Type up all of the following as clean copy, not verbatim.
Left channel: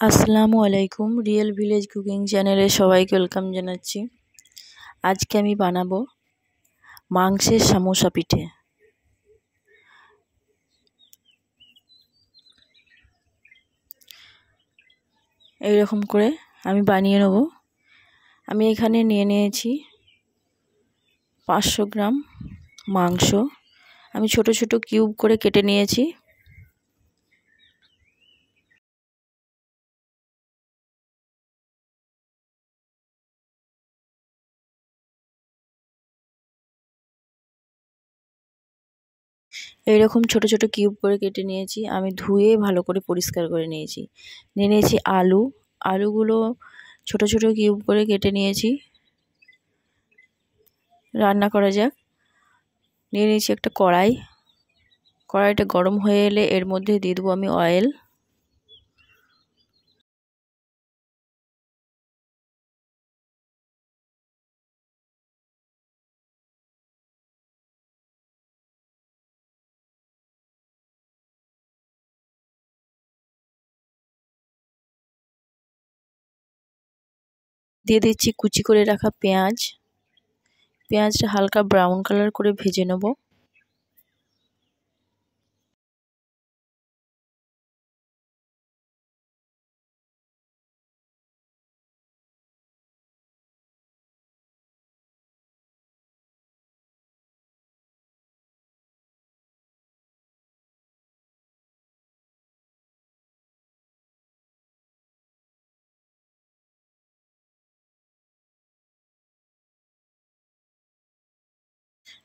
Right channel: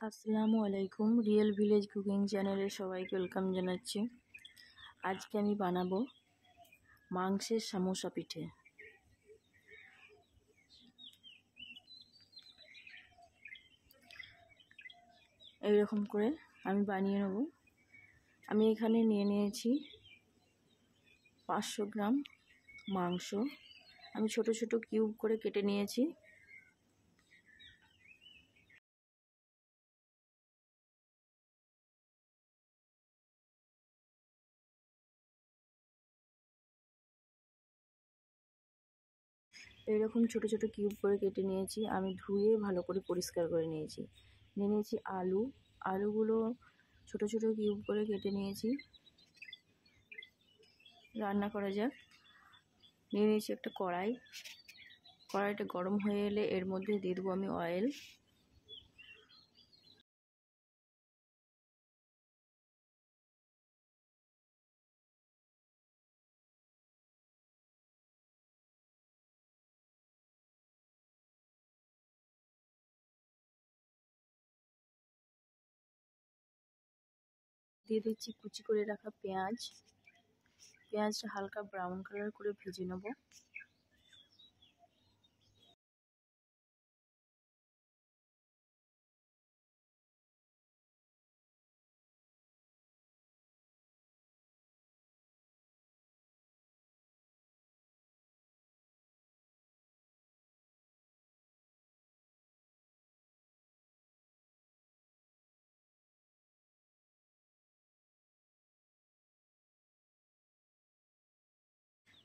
আসসালামু আলাইকুম। Real village cooking চ্যানেলে সবাইকে ওয়েলকাম জানাচ্ছি। আজকে আমি বানাবো মাংসের সমোসা পিঠে। এইরকম করে আমি বানিয়ে নেব। আমি এখানে নিয়ে নিয়েছি 500 গ্রাম মাংস। আমি ছোট ছোট কিউব করে কেটে নিয়েছি। এইরকম ছোট ছোট কিউব করে কেটে নিয়েছি। আমি ধুয়ে ভালো করে পরিষ্কার করে নিয়েছি। নিয়ে নিয়েছি আলুগুলো ছোট ছোট কিউব করে কেটে নিয়েছি। রান্না করা যাক। নিয়ে নিয়েছি একটা কড়াইটা গরম হয়ে এলে এর মধ্যে দিয়ে দেবো আমি অয়েল। দিয়ে দিচ্ছি কুচি করে রাখা পেঁয়াজটা হালকা ব্রাউন কালার করে ভেজে নেব।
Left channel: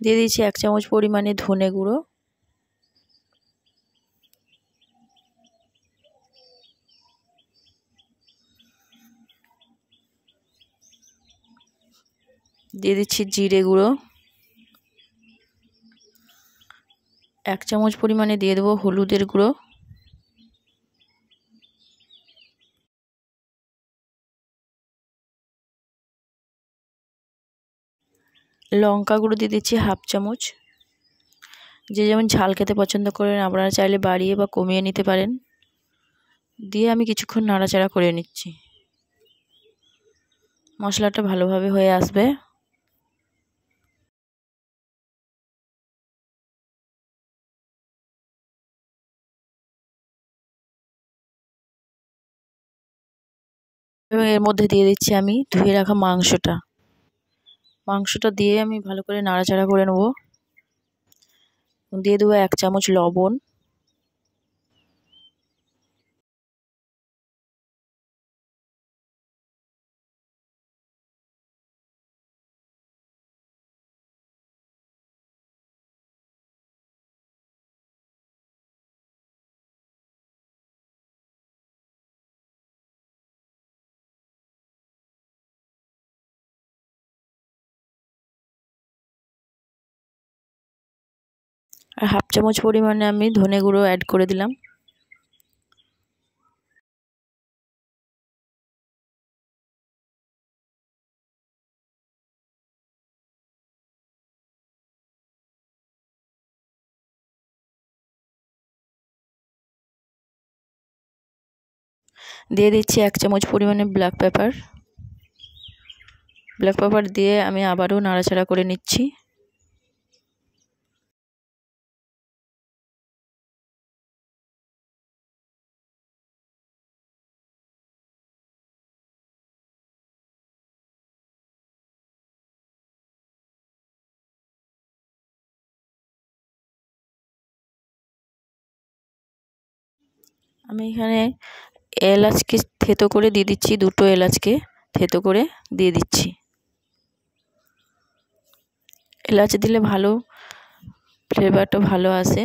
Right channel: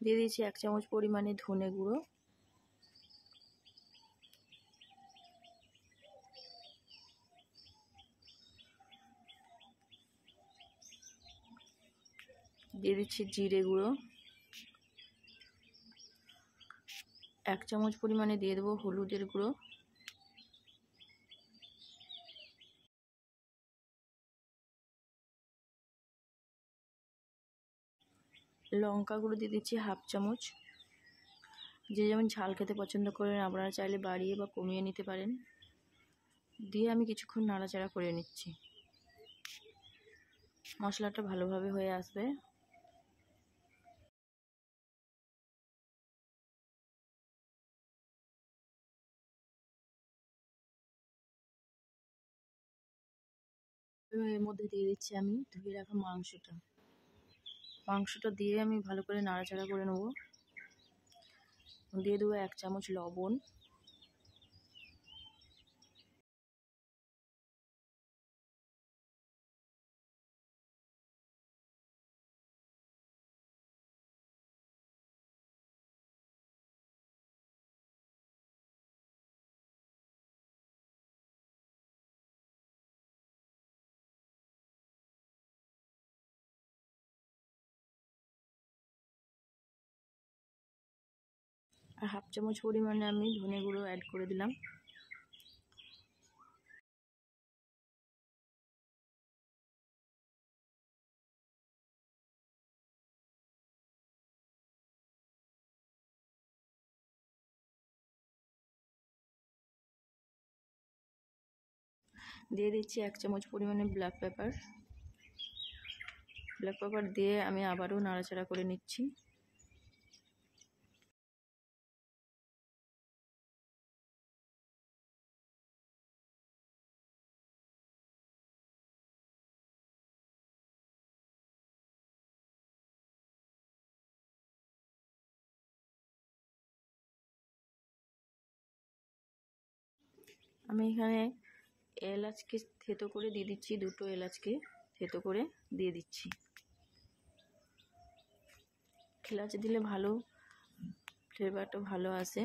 দিয়ে দিচ্ছি 1 চামচ পরিমাণে ধনে গুঁড়ো। দিয়ে দিচ্ছি জিরে গুঁড়ো। 1 চামচ পরিমাণে দিয়ে দেবো হলুদের গুঁড়ো। লঙ্কা গুঁড়ো দিয়ে দিচ্ছি 1/2 চামচ। যে যেমন ঝাল খেতে পছন্দ করেন আপনারা চাইলে বাড়িয়ে বা কমিয়ে নিতে পারেন। দিয়ে আমি কিছুক্ষণ নাড়াচাড়া করে নিচ্ছি। মশলাটা ভালোভাবে হয়ে আসবে। এবং এর মধ্যে দিয়ে দিচ্ছি আমি ধুয়ে রাখা মাংসটা দিয়ে আমি ভালো করে নাড়াচাড়া করে নেব। দিয়ে দেবো 1 চামচ লবণ। আর 1/2 চামচ পরিমাণে আমি ধনে গুঁড়ো অ্যাড করে দিলাম। দিয়ে দিচ্ছি 1 চামচ পরিমাণে ব্ল্যাক পেপার দিয়ে আমি আবারও নাড়াচাড়া করে নিচ্ছি। আমি এখানে এলাচকে থেতো করে দিয়ে দিচ্ছি, 2টো এলাচকে থেতো করে দিয়ে দিচ্ছি। এলাচ দিলে ভালো ফ্লেভারটা ভালো আসে।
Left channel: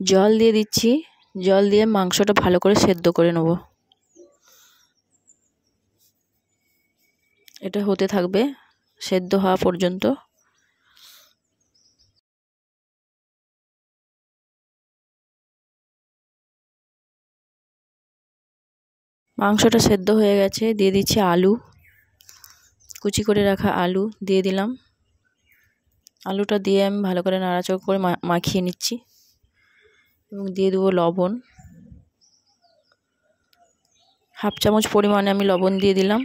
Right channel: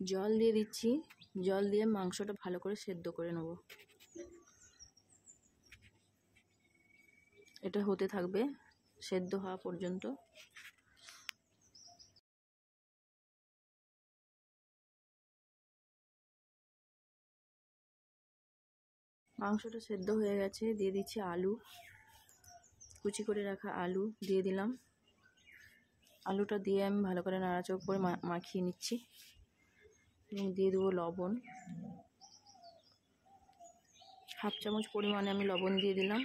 জল দিয়ে দিচ্ছি। জল দিয়ে মাংসটা ভালো করে সেদ্ধ করে নেব। এটা হতে থাকবে সেদ্ধ হওয়া পর্যন্ত। মাংসটা সেদ্ধ হয়ে গেছে, দিয়ে দিচ্ছি আলু, কুচি করে রাখা আলু দিয়ে দিলাম। আলুটা দিয়ে আমি ভালো করে নাড়াচাড়া করে মাখিয়ে নিচ্ছি এবং দিয়ে দেবো লবণ। 1/2 চামচ পরিমাণে আমি লবণ দিয়ে দিলাম।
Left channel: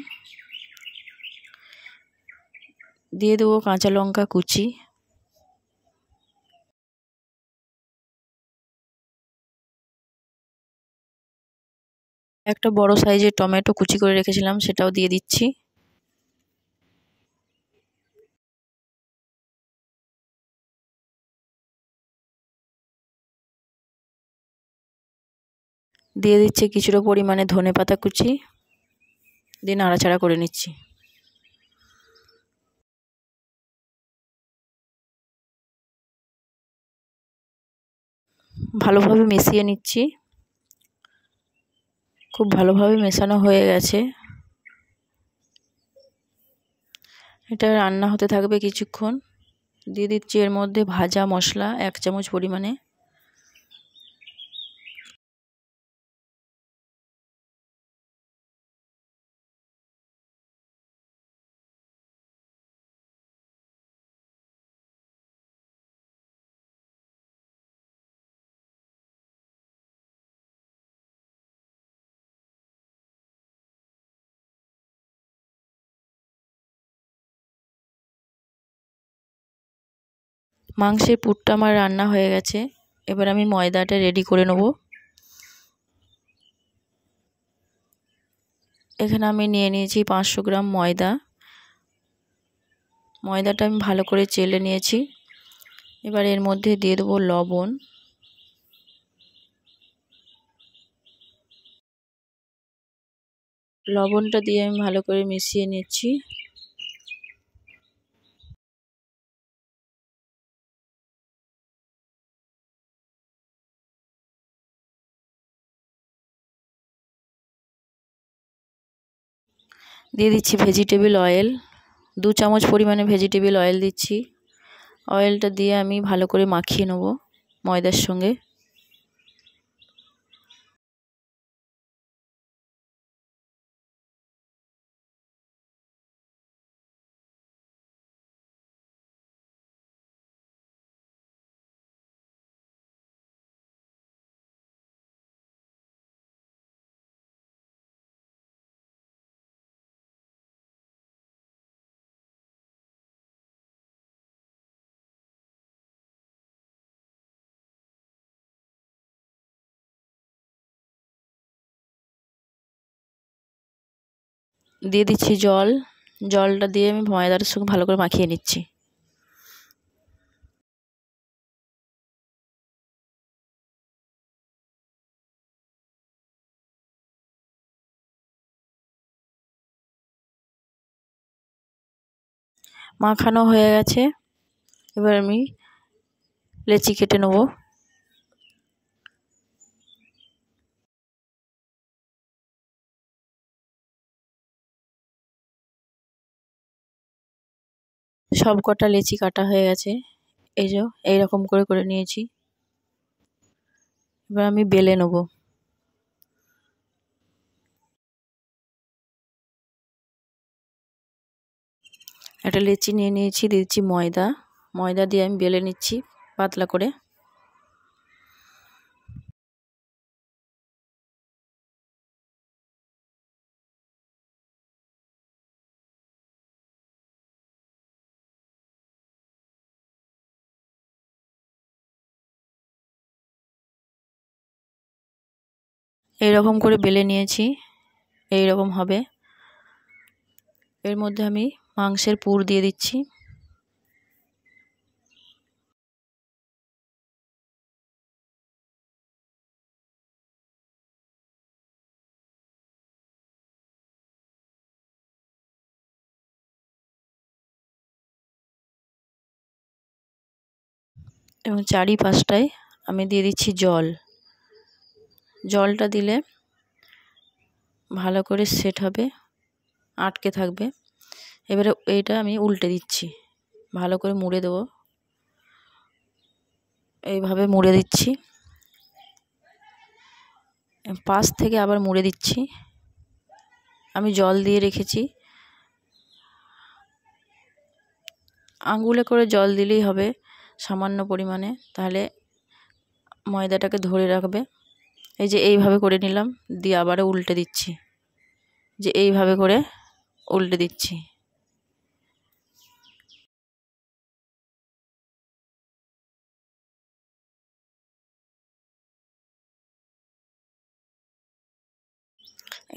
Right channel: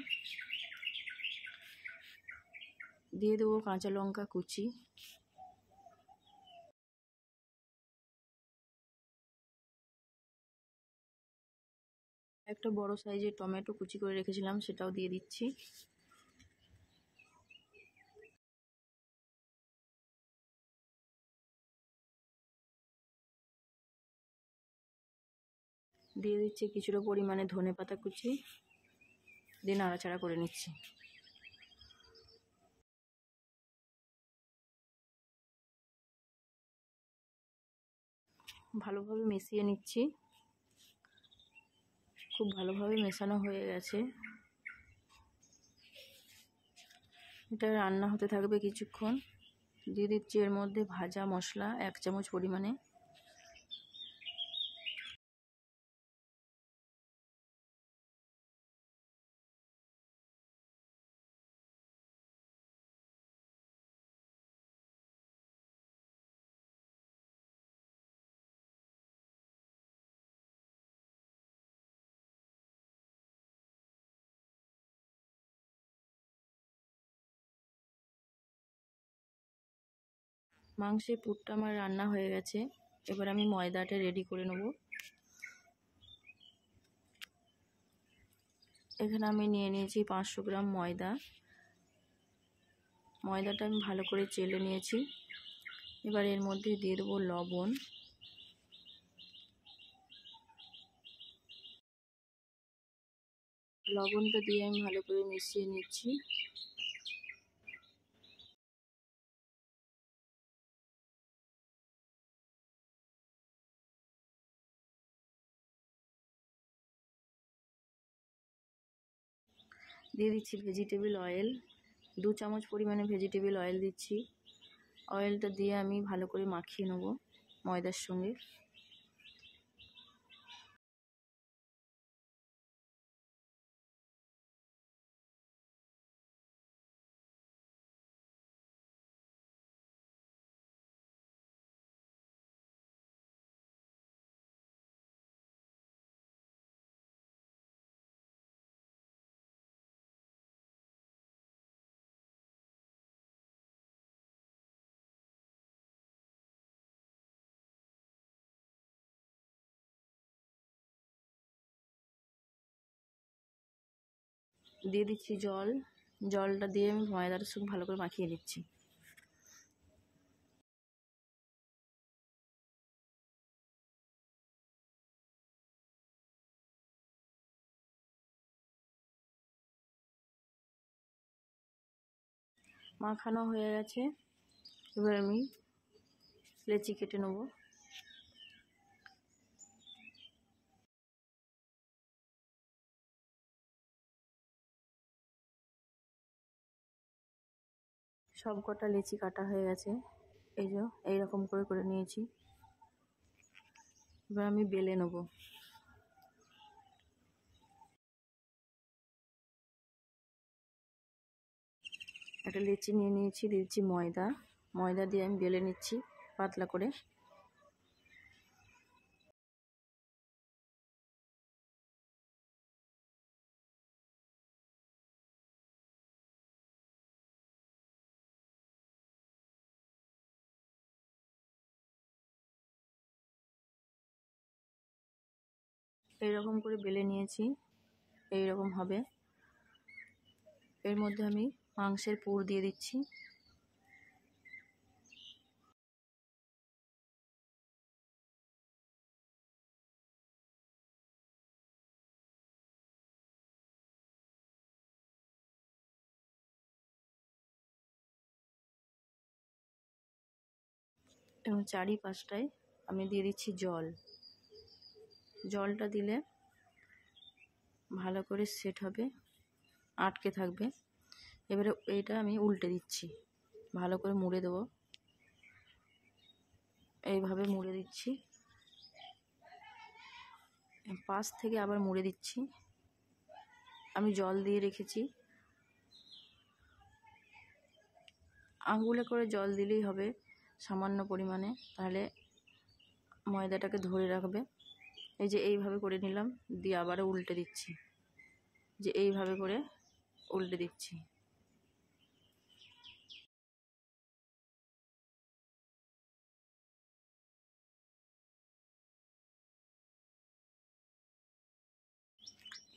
দিয়ে দেবো কাঁচা লঙ্কা কুচি, একটা বড় সাইজের টমেটো কুচি করে রেখেছিলাম সেটাও দিয়ে দিচ্ছি। দিয়ে দিচ্ছি কিছুটা পরিমাণে ধনেপাতা কুচি, দিয়ে নাড়াচাড়া করে নিচ্ছি। ভালোভাবে মিশিয়ে নিচ্ছি। খুব ভালোভাবে মেশানো হয়ে গেছে। এটা রান্না হতে থাকবে কিছুক্ষণ। দিয়ে দিচ্ছি এর মধ্যে ভাজা মশলা 1 চামচ পরিমাণে, মাংসের পুরটা আমার রান্না হয়ে গেছে। এবার আমি ময়দাটা রেডি করে নেব। এখানে আমি নিয়ে নিয়েছি 500 গ্রাম ময়দা। ময়দাটা আমি ভালো করে চেলে নিয়েছি। এবার এর মধ্যে দিয়ে দেবো লবণ, লবণটা দিয়ে আমি ভালো করে মিশিয়ে নিচ্ছি। দিয়ে দিচ্ছি ভেজিটেবল অয়েল, 2 চামচ পরিমাণে ভেজিটেবল অয়েল দিচ্ছি। অয়েলটা দিয়ে আমি ভালো করে মাখিয়ে নেব ময়দার সঙ্গে। দিয়ে দিচ্ছি জল, জলটা দিয়ে আমি ময়দাটার সঙ্গে ভালো করে মাখিয়ে নিচ্ছি। মাখানো হয়ে গেছে। এবার আমি লেচি কেটে নেব। সব কটা লেচি কাটা হয়ে গেছে। এই যে এইরকম করে করে নিয়েছি। এবার আমি বেলে নেব। একটা লেচি নিয়ে নিয়েছি, দিচ্ছি ময়দা, ময়দা দিয়ে আমি বেলে নিচ্ছি পাতলা করে। এইরকম করে বেলে নিয়েছি, এইরকম হবে। এর মধ্যে আমি মাংসের পুর দিয়ে দিচ্ছি। এবং চারিপাশটায় আমি দিয়ে দিচ্ছি জল। জলটা দিলে ভালো করে সেট হবে, আটকে থাকবে। এবারে এইটা আমি উল্টে দিচ্ছি, ভালো করে মুড়ে দেবো। এইভাবে মুড়ে দিচ্ছি, পাশ থেকে আবার মুড়ে দিচ্ছি। আমি জল দিয়ে রেখেছি। আঙুলে করে জল দিলেই হবে সামান্য পরিমাণে, তাহলে ময়দাটাকে ধরে রাখবে। এই যে এইভাবে করে নিলাম, দিয়ে আবারও উল্টে দিচ্ছি, যে এইভাবে করে উল্টে দিচ্ছি।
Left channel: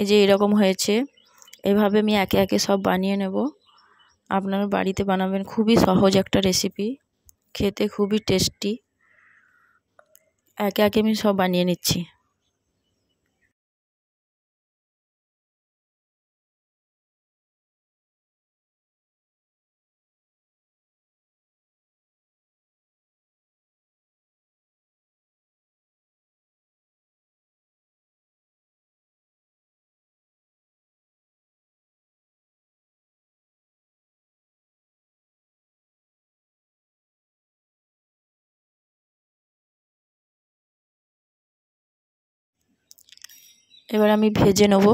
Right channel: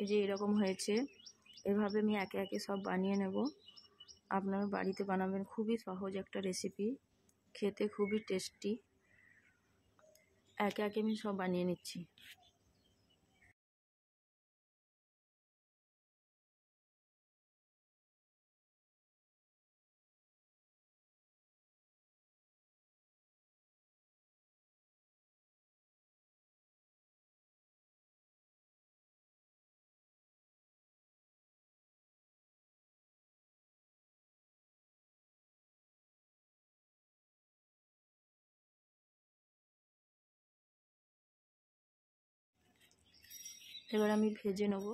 এই যে এরকম হয়েছে। এভাবে আমি একে একে সব বানিয়ে নেব। আপনারা বাড়িতে বানাবেন, খুবই সহজ একটা রেসিপি, খেতে খুবই টেস্টি। একে একে আমি সব বানিয়ে নিচ্ছি। এবার আমি ভেজে নেব।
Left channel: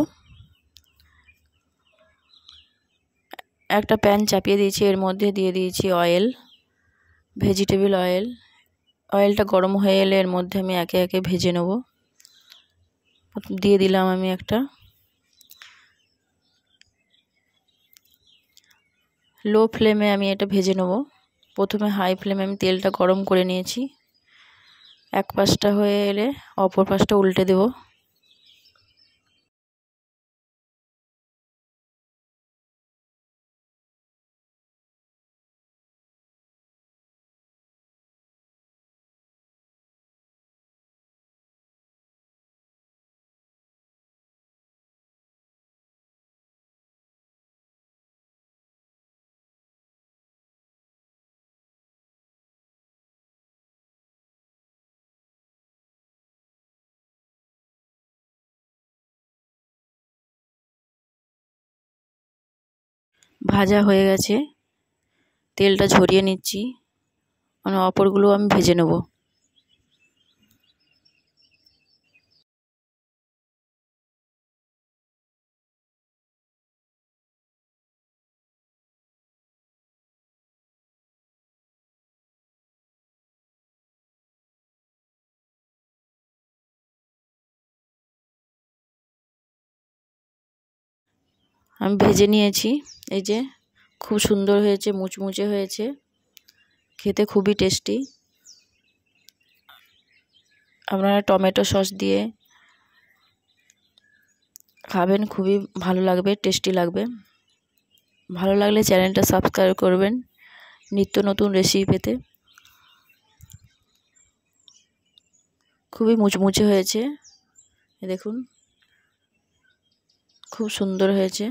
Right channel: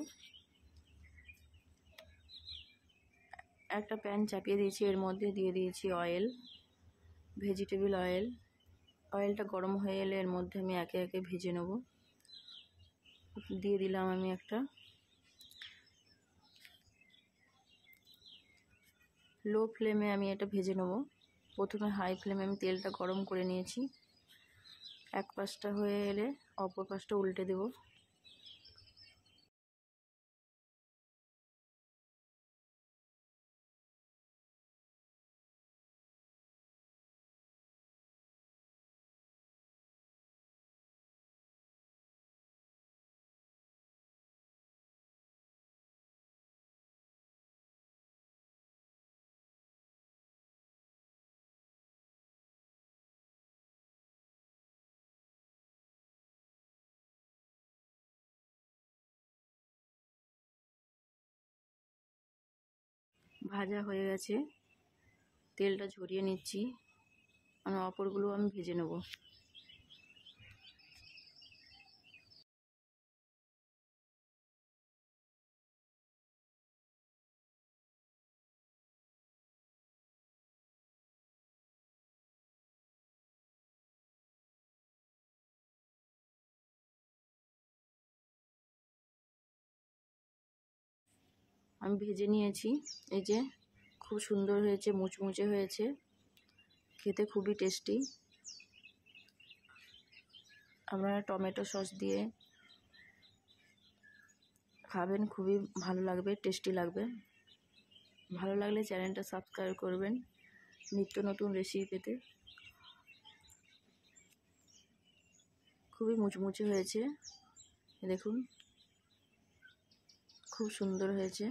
একটা প্যান চাপিয়ে দিয়েছি, এর মধ্যে দিয়ে দিয়েছি অয়েল, ভেজিটেবল অয়েল। অয়েলটা গরম হয়ে এলে এর মধ্যে আমি একে একে ভেজে নেব। দিয়ে দিলাম আমি একটা লো ফ্লেমে, আমি এটা ভেজে নেব। প্রথমে হাই ফ্লেমে আমি তেলটা গরম করে নিয়েছি। এক পাশটা হয়ে এলে অপর পাশটা উল্টে দেব। ভাজা হয়ে গেছে, তেলটা ঝরিয়ে নিচ্ছি, মানে অপরগুলো আমি ভেজে নেব। আমি ভেজে নিয়েছি, এই যে খুব সুন্দর হয়েছে, মুচমুচে হয়েছে, খেতে খুবই টেস্টি। আপনারা টমেটো সস দিয়ে খাবেন, খুবই ভালো লাগবে, টেস্টি লাগবে। ভালো লাগলে চ্যানেলটা সাবস্ক্রাইব করবেন নিত্য নতুন রেসিপি পেতে। খুবই মুচমুচে হয়েছে, দেখুন খুব সুন্দর হয়েছে।